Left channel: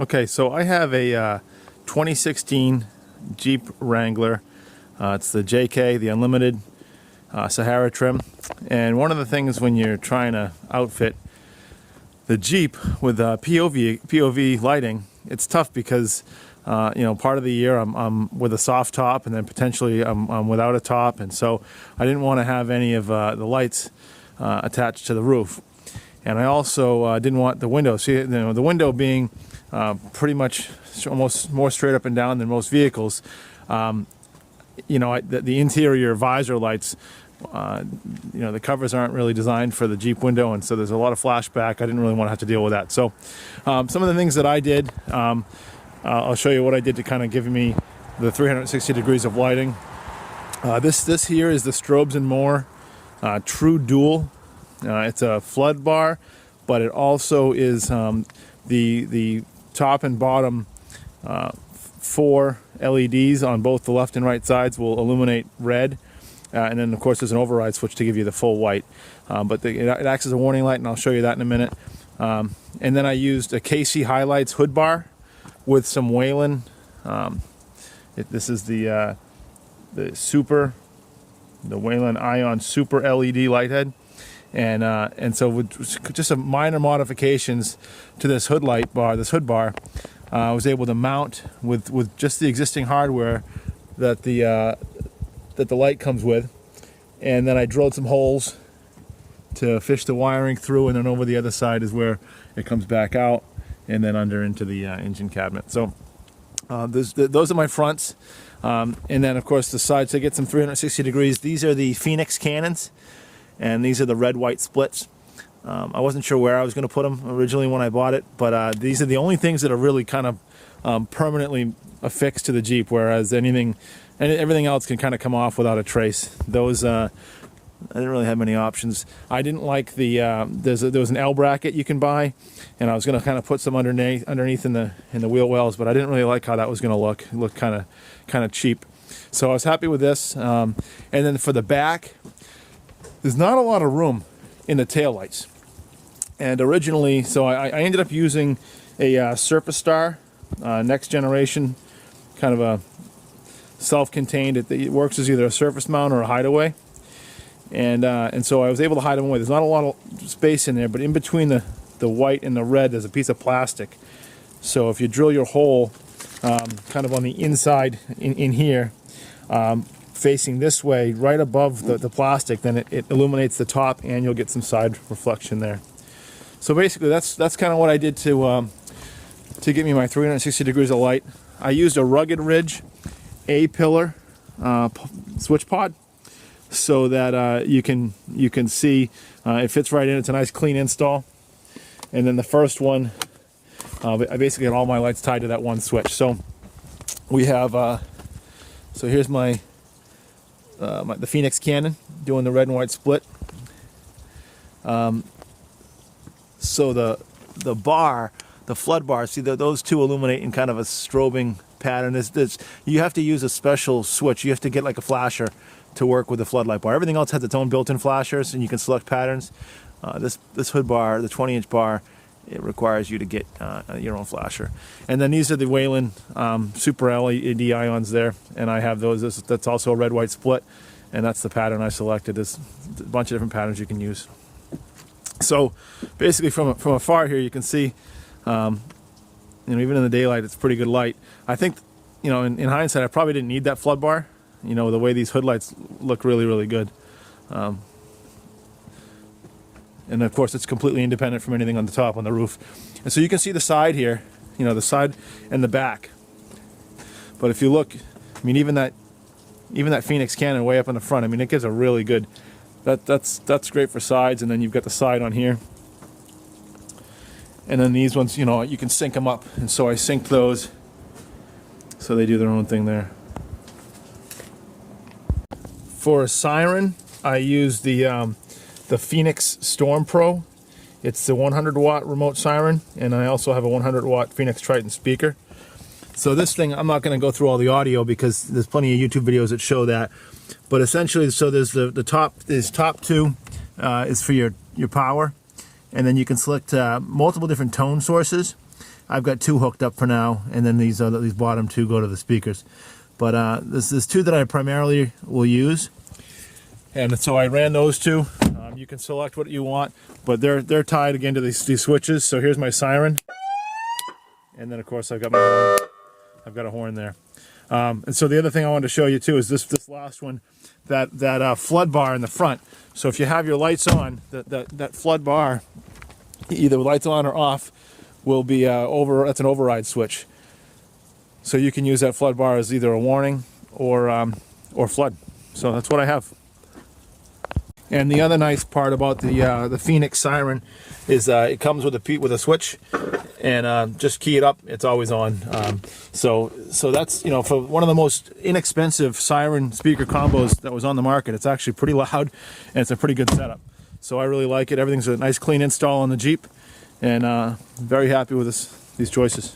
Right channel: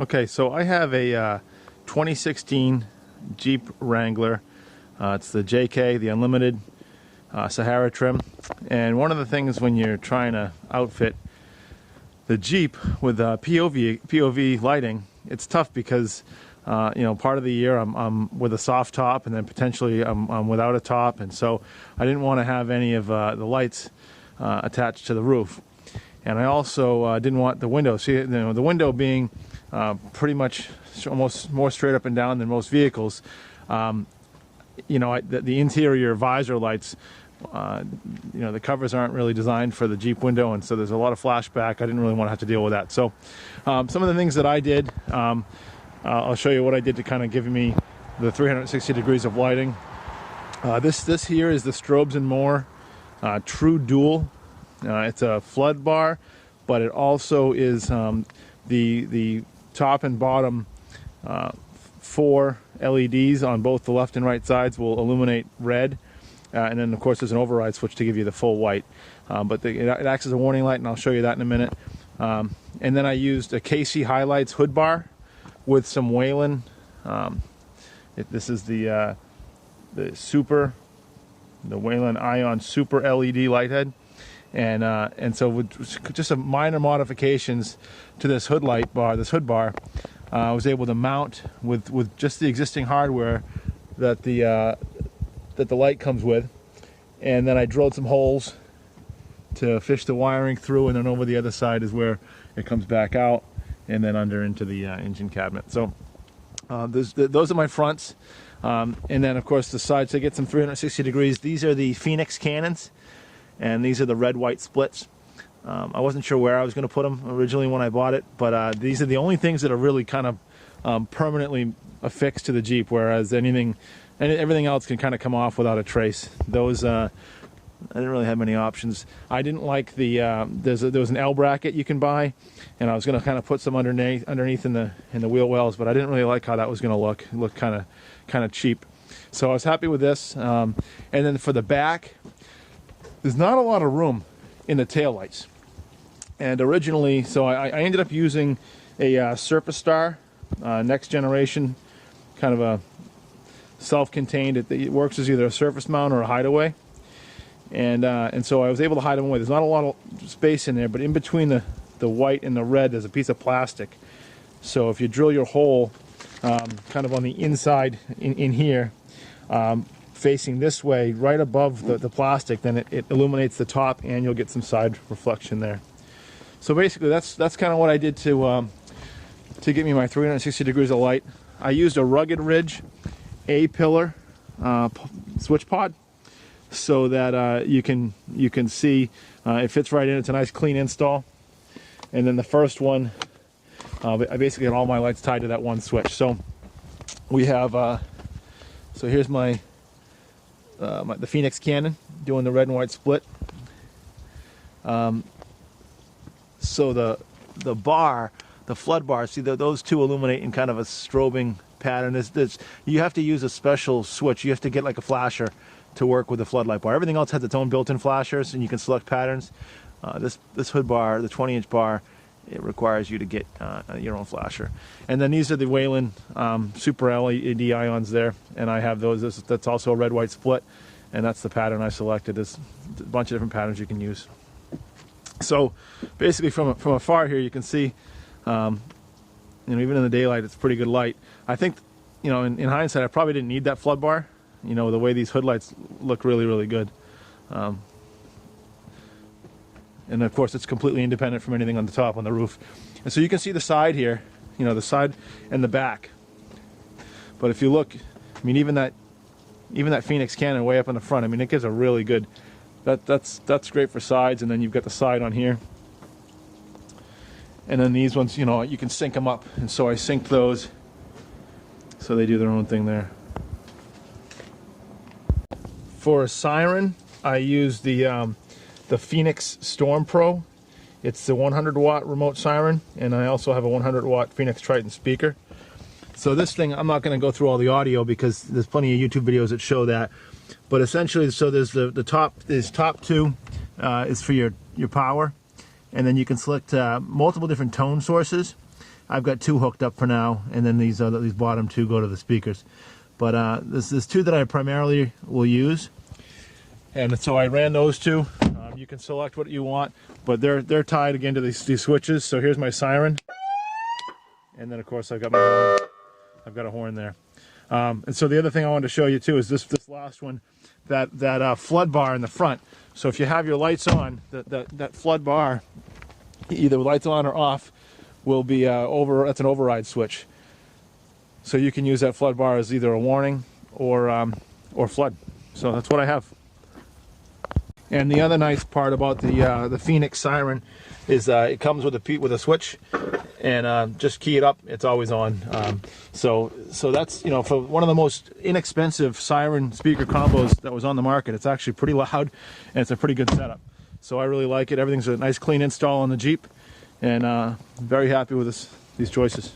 Okay, so I have a 2016 Jeep Wrangler. It's the JK, the Unlimited Sahara trim. And one of the things when you're trying to outfit the Jeep with POV lighting, it's tough because you know, part of the year I'm with a soft top, and then potentially I'm without a top, and so I didn't want to have any of the lights attached to the roof. And I also didn't want the window. See, you know, the window being pretty much almost more straight up and down than most vehicles. You know, the interior visor lights, you know, the covers aren't really designed for the Jeep window, and so there's a lot of flashback. I didn't really want to have to deal with that. So some of the things that I did, I'll show you what I did to kind of give me the 360 degrees of lighting. This here is the Strobes and More True Dual. It's a flood bar, but it also is the top and bottom 4 LEDs on both the left and right sides will illuminate red, and then of course there's an override switch to give you the full white. But it acts as a warning light, and I'll show you that in a minute. And then I used a KC Highlights hood bar with some Whelan. This is the Whelan ION Super LED light head. And so with just some minor modifications to this hood bar, I was able to mount with just the existing hardware that the light comes with, and then I drilled some holes to fish the wiring through, and then over the other side is where it comes back out, and then under into the engine cabinet. So those are my fronts, and then of course the sides to get some 360 degrees. These are the Feniex Cannons. And these are the red-white splits. I wasn't sure where I was going to put them originally when I bought it, but these are the only things that are really kind of permanently affixed to the Jeep, whereas everything else can kind of come off without a trace. Those I didn't really have many options. I didn't like the there was an L bracket you can buy, and I was going to kind of put some underneath in the wheel wells, but I didn't really like how that was going to look. It looked kind of cheap. So I was happy with this. And then for the back, there's not a lot of room in the taillights. And originally, so I ended up using a Surface Star, next generation, kind of a self-contained. It works as either a surface mount or a hideaway. And so I was able to hide them away. There's not a lot of space in there, but in between the white and the red, there's a piece of plastic. So if you drill your hole kind of on the inside in here, facing this way, right above the plastic, then it illuminates the top, and you'll get some side reflection there. So basically, that's kind of what I did to get me my 360 degrees of light. I used a Rugged Ridge A-pillar switch pod, so that you can see it fits right in. It's a nice clean install. And then the first one, I basically had all my lights tied to that one switch. So we have so here's my the Feniex Cannon doing the red and white split. So the bar, the flood bar, see those two illuminate in kind of a strobing pattern. You have to use a special switch. You have to get like a flasher to work with the floodlight bar. Everything else has its own built-in flashers, and you can select patterns. This hood bar, the 20-inch bar, it requires you to get your own flasher. And then these are the Whelan Super LED ions there, and I have those. That's also a red-white split, and that's the pattern I selected. There's a bunch of different patterns you can use. So basically, from afar here, you can see, you know, even in the daylight, it's pretty good light. I think, you know, in hindsight, I probably didn't need that flood bar. You know, the way these hood lights look really, really good. And of course, it's completely independent from anything on the top, on the roof. And so you can see the side here, you know, the side and the back. But if you look, I mean, even that Feniex Cannon way up in the front, I mean, it gives a really good, that's great for sides. And then you've got the side on here. And then these ones, you know, you can sync them up. And so I synced those, so they do their own thing there. For a siren, I use the Feniex Storm Pro. It's the 100-watt remote siren, and I also have a 100-watt Feniex Triton speaker. So this thing, I'm not going to go through all the audio because there's plenty of YouTube videos that show that. But essentially, so there's the top two is for your power, and then you can select multiple different tone sources. I've got 2 hooked up for now, and then these bottom 2 go to the speakers. But there's 2 that I primarily will use, and so I ran those 2. You can select what you want, but they're tied again to these switches. So here's my siren, and then of course I've got my horn. I've got a horn there. And so the other thing I wanted to show you too is this last one, that flood bar in the front. So if you have your lights on, that flood bar, either lights on or off, will be that's an override switch. So you can use that flood bar as either a warning or flood. So that's what I have. And the other nice part about the Feniex siren is it comes with a switch, and just key it up, it's always on. So that's, you know, for one of the most inexpensive siren speaker combos that was on the market. It's actually pretty loud, and it's a pretty good setup. So I really like it. Everything's a nice clean install on the Jeep, and very happy with these choices.